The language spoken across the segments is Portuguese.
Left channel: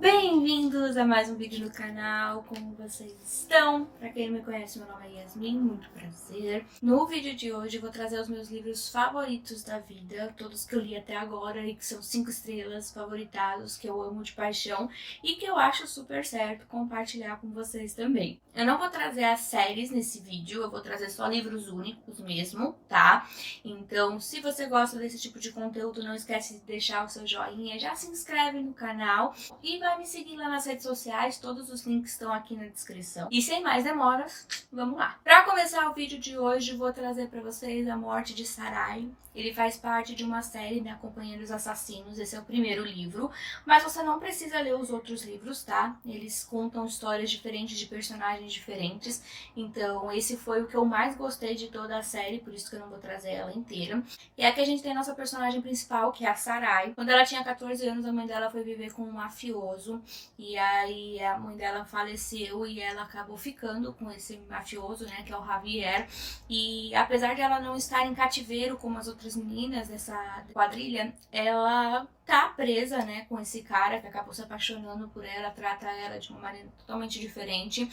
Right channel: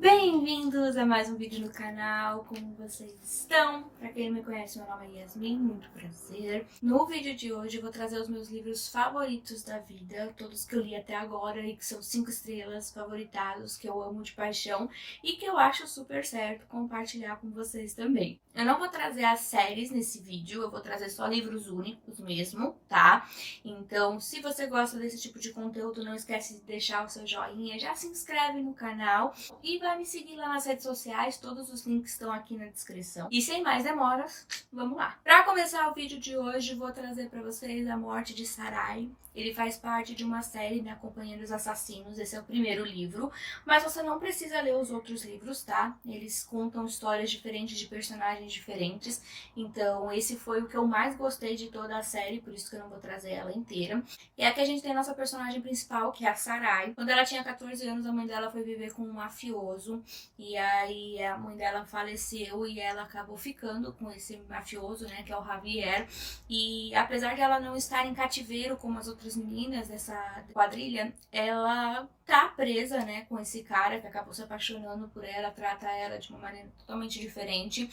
Bem-vindos a mais um vídeo no canal, como vocês estão? Pra quem não me conhece, meu nome é Yasmin, muito prazer. No vídeo de hoje eu vou trazer os meus livros favoritos da vida, todos que eu li até agora e que são 5 estrelas, favoritados, que eu amo de paixão e que eu acho super certo compartilhar com vocês também. Eu não vou trazer as séries nesse vídeo, eu vou trazer só livros únicos mesmo, tá? Então, se você gosta desse tipo de conteúdo, não esquece de deixar o seu joinha, já se inscreve no canal e vai me seguir lá nas redes sociais, todos os links estão aqui na descrição. E sem mais demoras, vamos lá. Para começar o vídeo de hoje, vou trazer para vocês A Morte de Sarai. Ele faz parte de uma série, né, Companhia dos Assassinos, esse é o primeiro livro, mas você não precisa ler os outros livros, tá? Eles contam histórias diferentes de personagens diferentes, então esse foi o que eu mais gostei de toda a série, por isso que eu não vou trazer ela inteira. E aqui a gente tem a nossa personagem principal, que é a Sarai. Quando ela tinha 14 anos, a mãe dela foi viver com um mafioso, e aí a mãe dela faleceu e ela acabou ficando com esse mafioso, né, que é o Javier. E apesar de ela não estar em cativeiro como as outras meninas dessa quadrilha, ela tá presa, né, com esse cara que acabou se apaixonando por ela, trata ela de uma maneira totalmente diferente.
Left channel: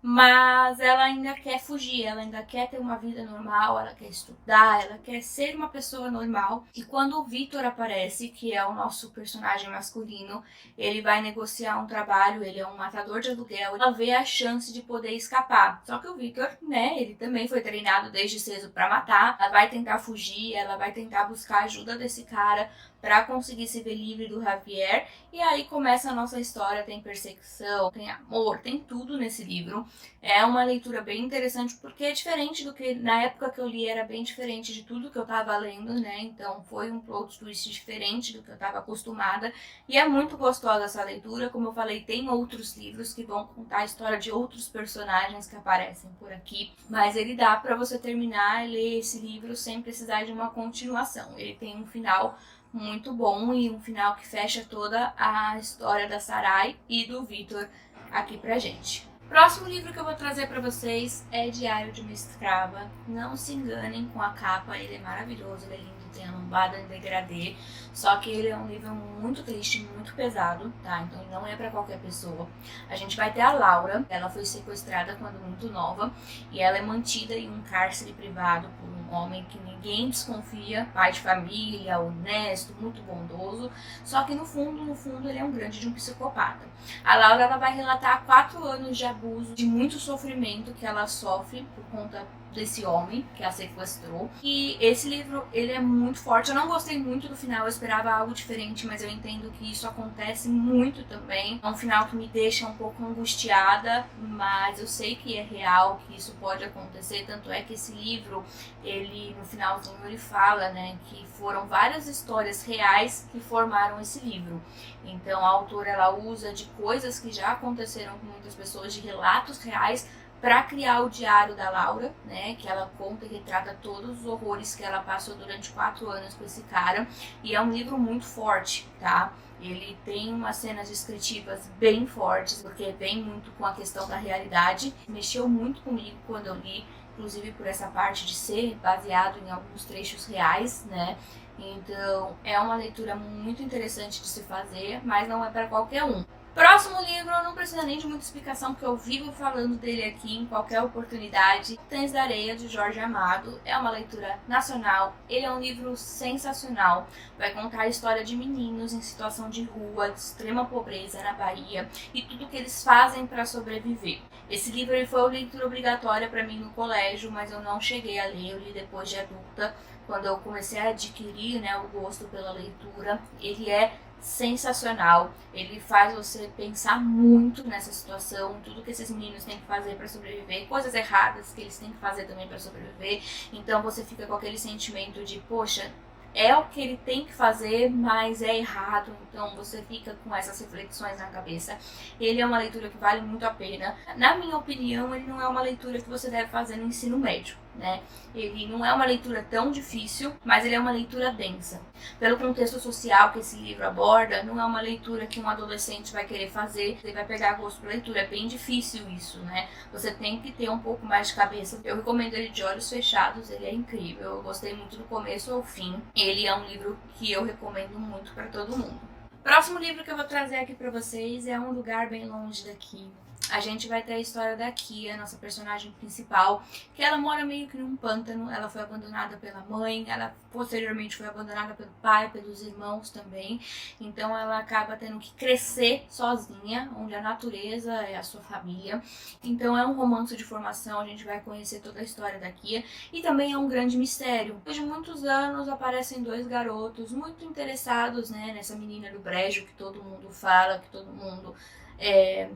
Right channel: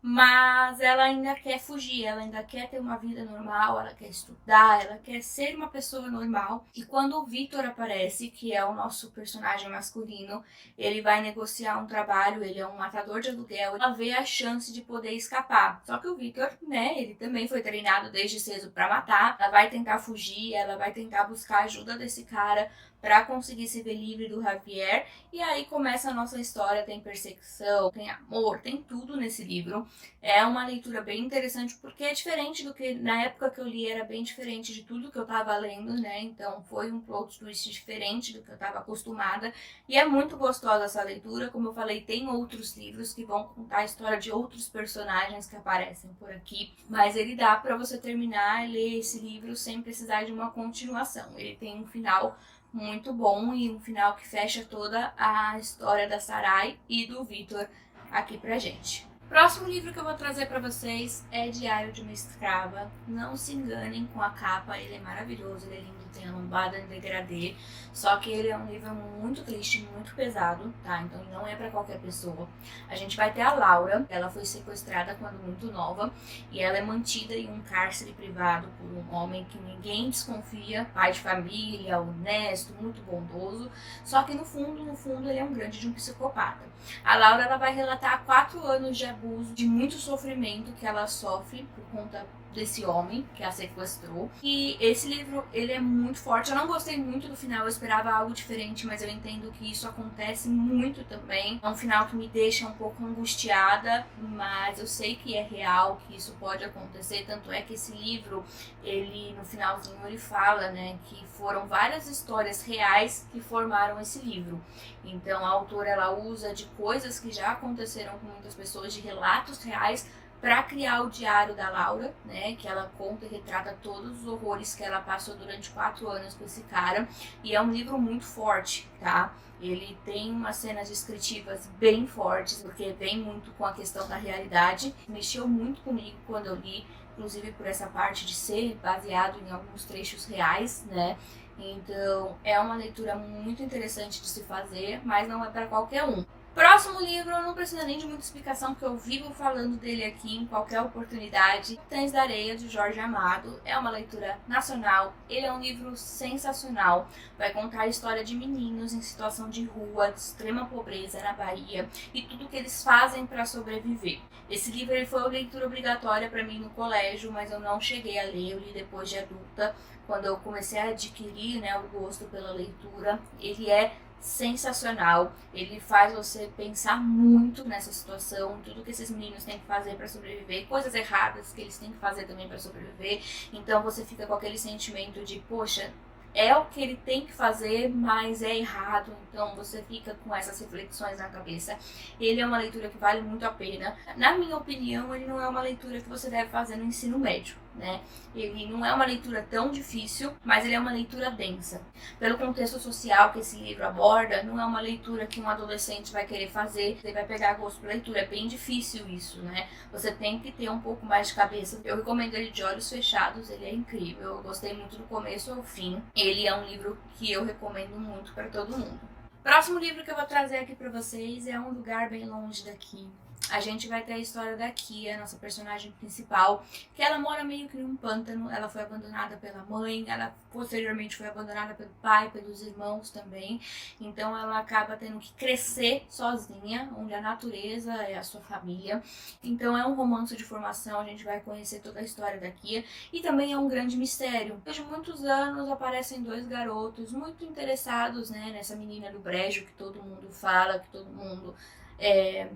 Mas ela ainda quer fugir, ela ainda quer ter uma vida normal, ela quer estudar, ela quer ser uma pessoa normal. E quando o Victor aparece, que é o nosso personagem masculino, ele vai negociar um trabalho, ele é um matador de aluguel, ela vê a chance de poder escapar. Só que o Victor, né, ele também foi treinado desde cedo pra matar, ela vai tentar fugir, ela vai tentar buscar a ajuda desse cara para conseguir se ver livre do Javier. E aí começa a nossa história, tem perseguição, tem amor, tem tudo nesse livro. É uma leitura bem interessante porque é diferente do que na época que eu li, era bem diferente de tudo que eu tava lendo, né? Então foi um plot twist diferente do que eu tava acostumada e é muito gostosa essa leitura. Como eu falei, tem outros livros que vão contar a história de outros personagens que aparecem por aqui, mas ele dá para você terminar e ler esse livro sem precisar de uma continuação. Ele tem um final muito bom e um final que fecha toda a história da Sarai e do Victor aqui pra gente. Próximo livro que eu vou trazer para vocês é Diário de uma Escrava. Não se enganem com a capa, ele é maravilhoso, ele é lindo, tem a lombada em degradê, só que ele é um livro muito triste, muito pesado, tá? Então ele não é para qualquer pessoa. A gente vai ter a Laura, ela foi sequestrada quando muito nova e ela é mantida em um cárcere privado por um homem que ninguém desconfia, pai de família, honesto, muito bondoso, só que no fundo ele é um grande de um psicopata. A Laura, ela vai relatar 4 anos de abuso, de muito sofrimento que ela sofre por conta desse homem que a sequestrou. E esse livro, ele é muito forte. Eu não gostei muito do final, eu esperava algo diferente, mas eu entendo que isso acontece muito também. É um final que me deixa um pouco angustiada, mas eu sei que é real, que isso pode acontecer. Tanto é que esse livro, ele no finalzinho ele fala, né, que foram várias histórias reais que formaram esse livro. Então a autora, ela usa de coisas que já aconteceram com muitas pessoas, de relatos reais, para criar o diário da Laura, né, que ela conta e retrata todos os horrores que ela passou durante 4 anos com esse cara. E é um livro muito forte, tá? Ele tem umas cenas descritivas bem fortes, porque vem muito com a questão da realidade. Mexeu muito comigo quando eu li, inclusive por essa parte de ser baseado em alguns trechos reais, né? Então é uma leitura muito interessante de se fazer, mas não é para qualquer um. Próximo livro, eu não preciso nem de muita explicação, porque eu vivo falando dele aqui em qualquer oportunidade. Cães da Areia, de Jorge Amado. É uma leitura nacional. Ele é um livro sensacional. Vai contar a história de meninos em situação de rua, de extrema pobreza na Bahia e tudo que eles fazem para sobreviver. Esse livro ele foi uma leitura obrigatória para mim no colégio, mas eu não cheguei a ler. Eu li depois de adulta, quando eu comecei a adquirir, né, o gosto pela leitura. Ele é sensacional, ele faz você pensar muito nessa situação, tudo que esses meninos têm que fazer para sobreviver, coisas erradas que eles têm que fazer também para sobreviver. Então você fica com aquele sentimento de, poxa, é o que ele tem que fazer, mas é errado. Então você fica com essas reflexões na cabeça. Ele é uma leitura que vale muito a pena. Na minha opinião, ele não é uma leitura que você deve fazer no ensino médio, né? Ele não é uma leitura tão difícil, mas ele é uma leitura densa. Pelo contexto social que esse livro aborda, não é uma leitura que um adolescente vai querer fazer, ele vai pegar gosto por leitura. É bem difícil isso, né? Você tem que ter um pouco mais de cabeça. Eu recomendo ele de olhos fechados, ele é incrível. Eu gostei muito do começo ao fim. Ele é um livro que eu recomendo muito para todo mundo. Próximo livro que eu vou trazer aqui pra vocês é Um Lugar Bem Longe Daqui. A gente vai ter a história da Kia, nossa personagem principal, que ela mora meio que num pântano. Ela foi abandonada pela mãe, ela posteriormente foi abandonada pelo pai, pelos irmãos também. Então ela acaba tendo que crescer sozinha, onde a natureza é a sua família. Então é um romance de formação, a gente vai conhecer toda a história da Kia. E também é um grande mistério. Depois de muitos anos aparecem dois garotos muito interessados, né, nessa menina do brejo que todo mundo fala, que todo mundo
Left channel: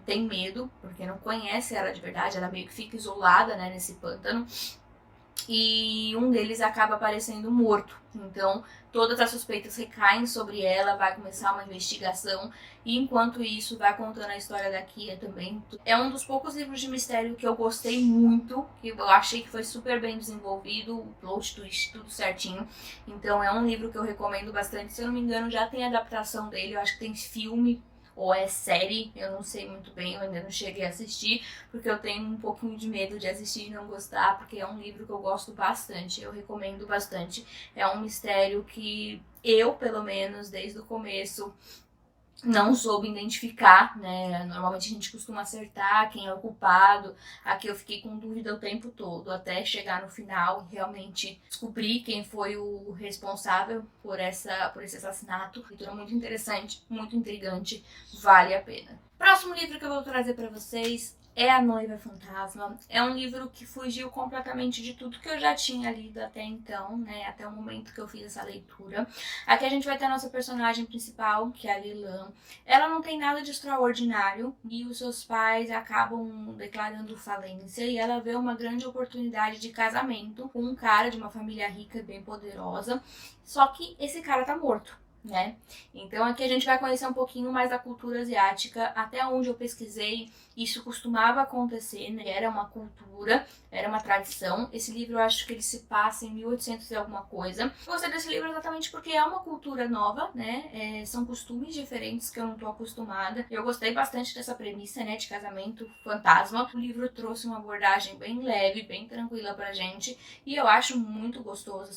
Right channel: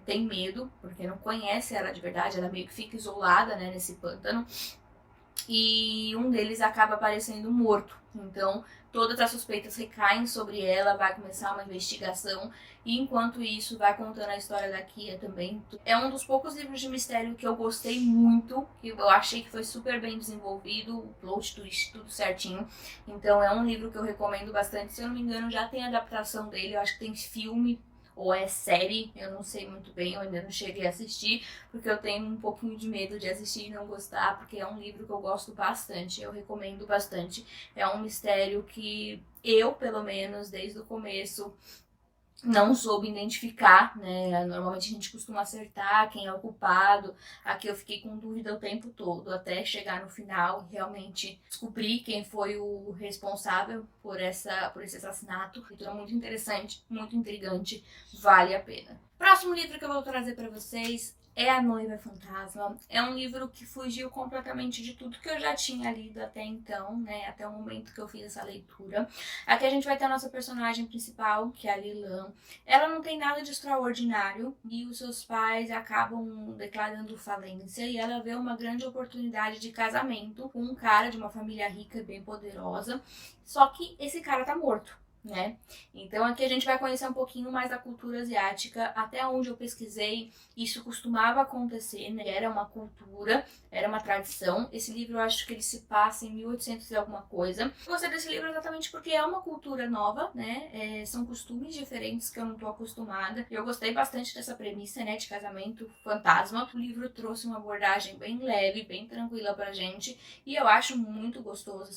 tem medo, porque não conhece ela de verdade, ela meio que fica isolada, né, nesse pântano. E um deles acaba aparecendo morto. Então, todas as suspeitas recaem sobre ela, vai começar uma investigação. E enquanto isso, vai contando a história da Kia também. É um dos poucos livros de mistério que eu gostei muito, que eu achei que foi super bem desenvolvido, o plot twist, tudo certinho. Então, é um livro que eu recomendo bastante. Se eu não me engano, já tem adaptação dele, eu acho que tem filme ou é série, eu não sei muito bem, eu ainda não cheguei a assistir, porque eu tenho um pouquinho de medo de assistir e não gostar, porque é um livro que eu gosto bastante, eu recomendo bastante. É um mistério que eu, pelo menos, desde o começo, não soube identificar, né? Normalmente a gente costuma acertar quem é o culpado. Aqui eu fiquei com dúvida o tempo todo, até chegar no final e realmente descobrir quem foi o responsável por esse assassinato. Leitura muito interessante, muito intrigante, vale a pena. Próximo livro que eu vou trazer para vocês é A Noiva Fantasma. É um livro que fugiu completamente de tudo que eu já tinha lido até então, né? Até o momento que eu fiz essa leitura. Aqui a gente vai ter a nossa personagem principal, que é a Lilan. Ela não tem nada de extraordinário e os seus pais acabam declarando falência e ela vê uma grande oportunidade de casamento com um cara de uma família rica e bem poderosa. Só que esse cara tá morto, né? Então aqui a gente vai conhecer um pouquinho mais da cultura asiática. Até onde eu pesquisei, isso costumava acontecer, né? Era uma cultura, era uma tradição. Esse livro eu acho que ele se passa em 1800 e alguma coisa. Eu gostei desse livro exatamente porque é uma cultura nova, né? São costumes diferentes que eu não tô acostumada. Eu gostei bastante dessa premissa, né, de casamento fantasma. O livro trouxe uma abordagem bem leve, bem tranquila pra gente, e eu acho muito gostosa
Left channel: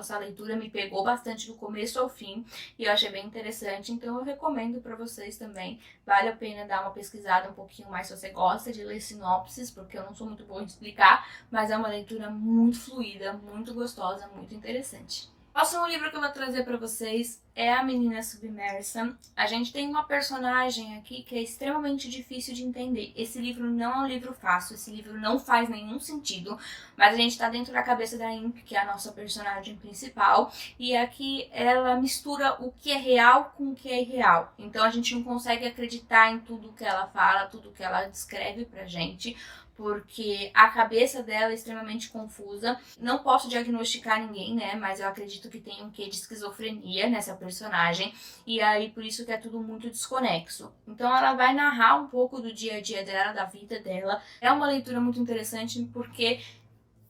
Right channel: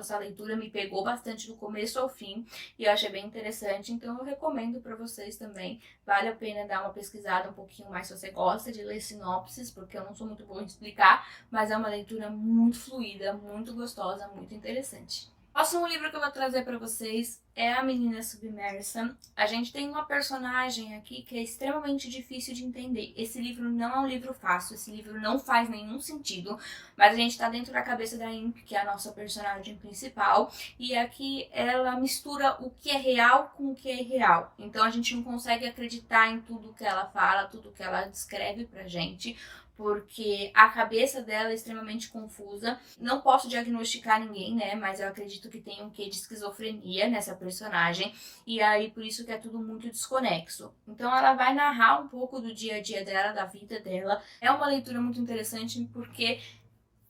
essa leitura, me pegou bastante do começo ao fim, e eu achei bem interessante, então eu recomendo pra vocês também. Vale a pena dar uma pesquisada um pouquinho mais se você gosta de ler sinopses, porque eu não sou muito boa em explicar, mas é uma leitura muito fluida, muito gostosa, muito interessante. O próximo livro que eu vou trazer para vocês é A Menina Submersa. A gente tem uma personagem aqui que é extremamente difícil de entender. Esse livro não é um livro fácil, esse livro não faz nenhum sentido, mas a gente tá dentro da cabeça da Imp, que é a nossa personagem principal, e aqui ela mistura o que é real com o que é irreal. Então a gente não consegue acreditar em tudo que ela fala, tudo que ela descreve pra gente, porque a cabeça dela é extremamente confusa. Não posso diagnosticar ninguém, né, mas eu acredito que tem um quê de esquizofrenia nessa personagem, e aí por isso que é tudo muito desconexo. Então ela vai narrar um pouco do dia a dia dela, da vida dela. É uma leitura muito interessante porque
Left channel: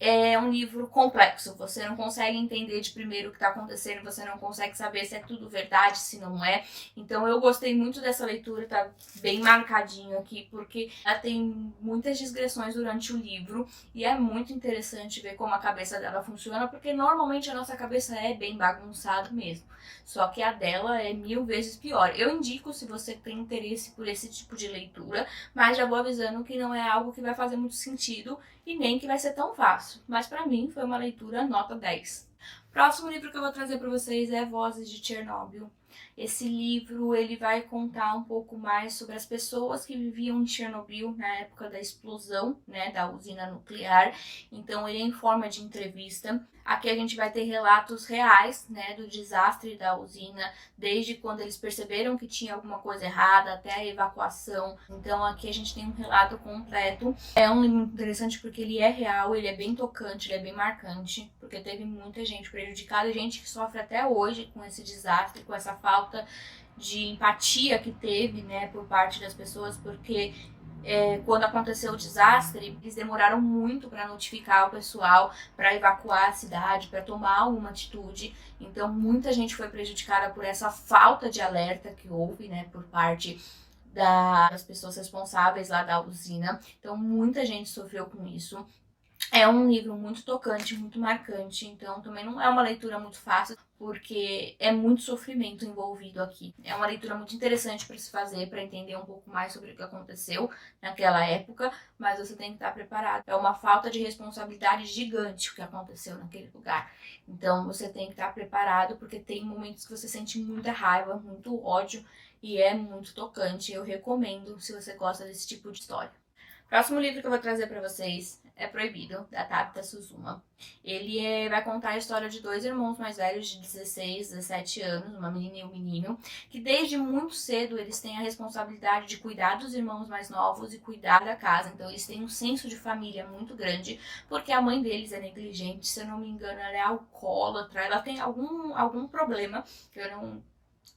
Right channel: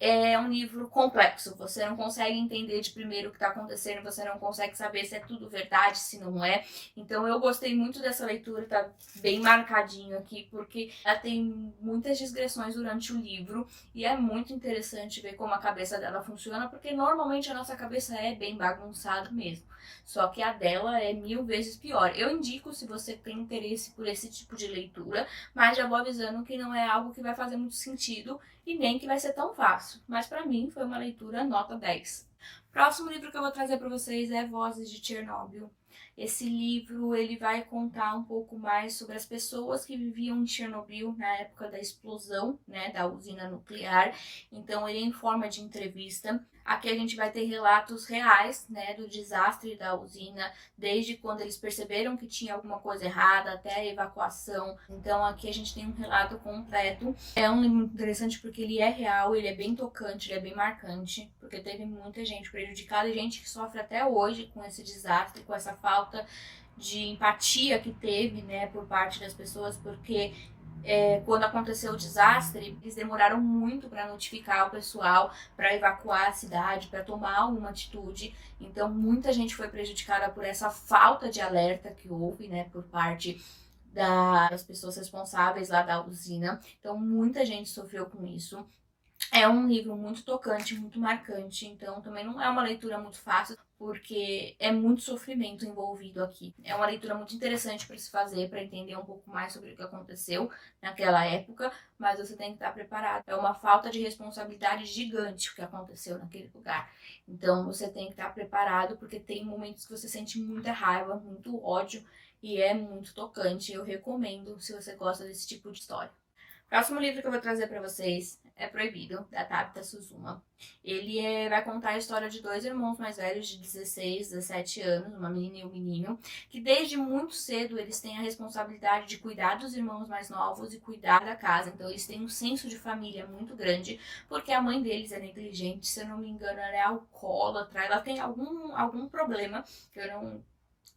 é um livro complexo, você não consegue entender de primeiro o que está acontecendo, você não consegue saber se é tudo verdade, se não é. Então eu gostei muito dessa leitura, tá bem marcadinho aqui, porque ela tem muitas digressões durante o livro e é muito interessante ver como a cabeça dela funciona, porque normalmente a nossa cabeça é bem bagunçada mesmo, só que a dela é 1000 vezes pior. Eu indico se você tem interesse por esse tipo de leitura, mas já vou avisando que não é algo que vai fazer muito sentido e nem que vai ser tão fácil, mas para mim foi uma leitura nota 10. Próximo livro que eu vou trazer para vocês é Vozes de Chernobyl. Esse livro ele vai contar um pouco mais sobre as pessoas que viviam em Chernobyl na época da explosão, né, da usina nuclear. Então ele é em forma de entrevista. Aqui a gente vai ter relatos reais, né, do desastre da usina, desde quando eles perceberam que tinha alguma coisa errada até a evacuação. Então aqui a gente tem um relato completo. É um livro interessante porque ele é real, ele é bem tocante, ele é bem marcante, porque teve muita gente prejudicada, gente que sofre até hoje com esse desastre, com essa falta de empatia que teve, né, por parte das pessoas, porque quando aconteceu o desastre, eles demoraram muito para notificar o pessoal, para evacuar a cidade, para tomar alguma atitude. Então, muita gente foi prejudicada por essa falta de alerta que houve, né, por parte das pessoas responsáveis lá da usina. Então, muita gente sofreu com isso. É um livro muito tocante, muito marcante, então também não é uma leitura muito fácil, porque é muito sofrimento envolvido aqui. É uma leitura muito interessante para se fazer, para entender um pouco mais sobre o que aconteceu naquela época, mas você tem que estar preparado. É uma falta de responsabilidade gigante o que aconteceu naquele lugar. Então você tem que estar preparado, porque tem momentos que você sente muita raiva, muito ódio, e é muito tocante. Eu recomendo se você gosta desse tipo de história. Próximo livro que eu vou trazer para vocês é Proibido, da Tabitha Suzuma. Ele vai contar a história de dois irmãos mais velhos de 16, 17 anos, uma menina e um menino, que desde muito cedo eles têm a responsabilidade de cuidar dos irmãos mais novos e cuidar da casa. Então eles têm um senso de família muito grande, porque a mãe deles é negligente, se eu não me engano, ela é alcoólatra, ela tem algum problema que eu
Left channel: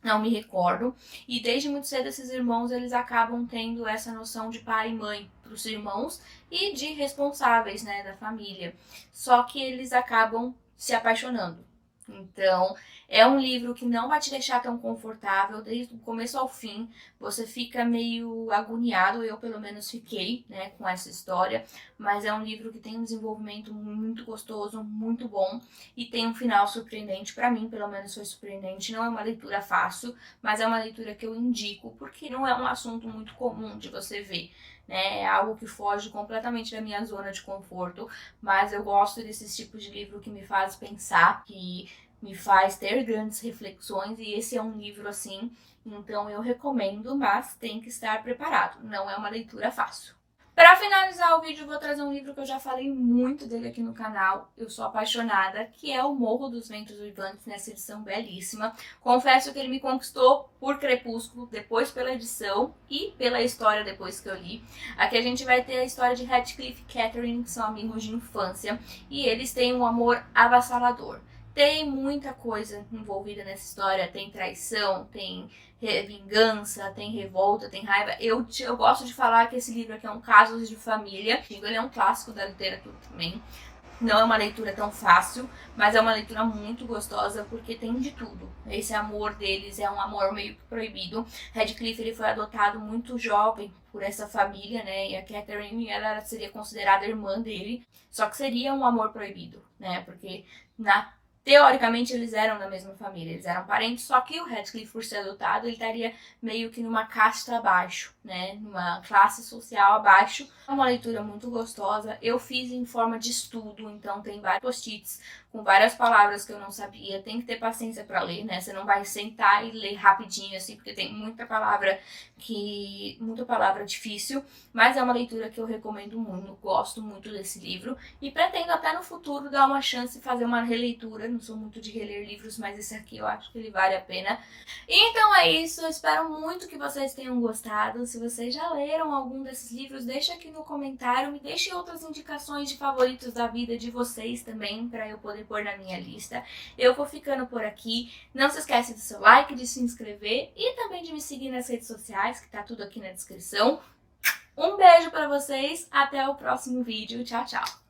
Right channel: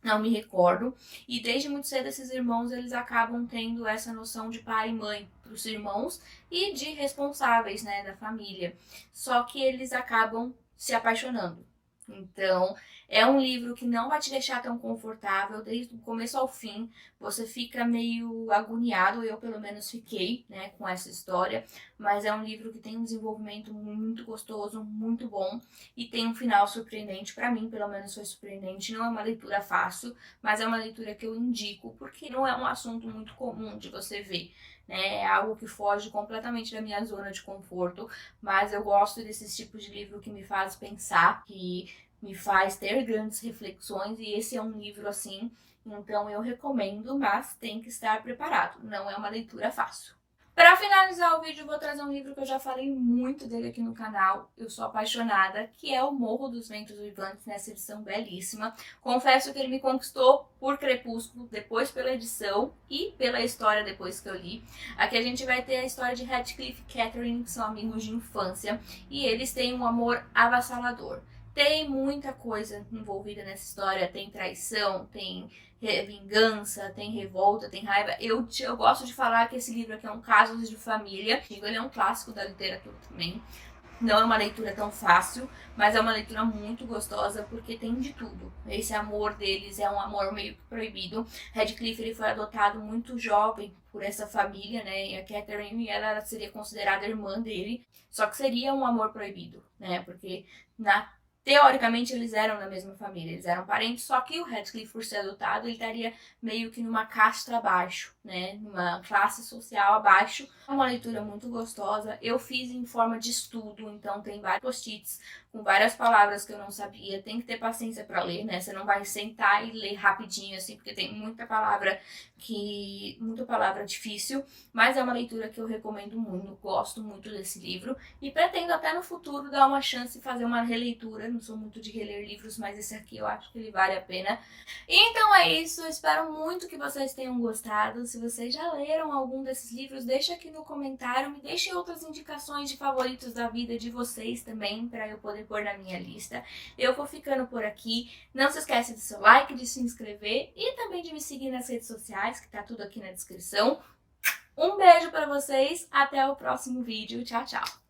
não me recordo, e desde muito cedo esses irmãos eles acabam tendo essa noção de pai e mãe para os irmãos e de responsáveis, né, da família. Só que eles acabam se apaixonando. Então, é um livro que não vai te deixar tão confortável desde o começo ao fim. Você fica meio agoniado, eu pelo menos fiquei, né, com essa história. Mas é um livro que tem um desenvolvimento muito gostoso, muito bom. E tem um final surpreendente, para mim pelo menos foi surpreendente. Não é uma leitura fácil, mas é uma leitura que eu indico, porque não é um assunto muito comum de você ver. Né? É algo que foge completamente da minha zona de conforto, mas eu gosto desses tipos de livro que me faz pensar, que me faz ter grandes reflexões, e esse é um livro assim, então eu recomendo, mas tem que estar preparado, não é uma leitura fácil. Para finalizar o vídeo, eu vou trazer um livro que eu já falei muito dele aqui no canal, eu sou apaixonada, que é O Morro dos Ventos Uivantes, nessa edição belíssima. Confesso que ele me conquistou por Crepúsculo, depois pela edição e pela história depois que eu li. Aqui a gente vai ter a história de Radcliffe e Catherine, que são amigos de infância, e eles têm um amor avassalador. Tem muita coisa envolvida nessa história, tem traição, tem vingança, tem revolta, tem raiva. Eu gosto de falar que esse livro aqui é um caso de família. Ele é um clássico da literatura também. Não é uma leitura tão fácil, mas é uma leitura muito gostosa porque tem de tudo. Esse amor deles é um amor meio que proibido. Radcliffe ele foi adotado muito jovem por essa família, né? E a Catherine ela seria considerada irmã dele, só que seria um amor proibido, né? Porque teoricamente, eles eram da mesma família, eles eram parentes, só que o Radcliffe, por ser adotado, ele estaria meio que numa casta abaixo, né? Numa classe social abaixo. É uma leitura muito gostosa. Eu fiz em forma de estudo, então tem vários post-its com várias palavras que eu não sabia. Tem que ter paciência para ler, né? Você não vai sentar e ler rapidinho, assim, porque tem muita palavra difícil, mas é uma leitura que eu recomendo muito, gosto muito desse livro e pretendo até no futuro dar uma chance e fazer uma releitura. Não sou muito de reler livros, mas esse aqui eu acho que ele vale a pena. Então é isso, eu espero muito que vocês tenham gostado. Se vocês já leram algum desses livros, deixa aqui no comentário, me deixem outras indicações de favoritos da vida de vocês também, para eu poder pôr na minha lista. Eu vou ficando por aqui, não se esquece do seu like, de se inscrever e também de me seguir nas redes sociais, que tá tudo aqui na descrição. Um beijo pra vocês, até o próximo vídeo, tchau, tchau!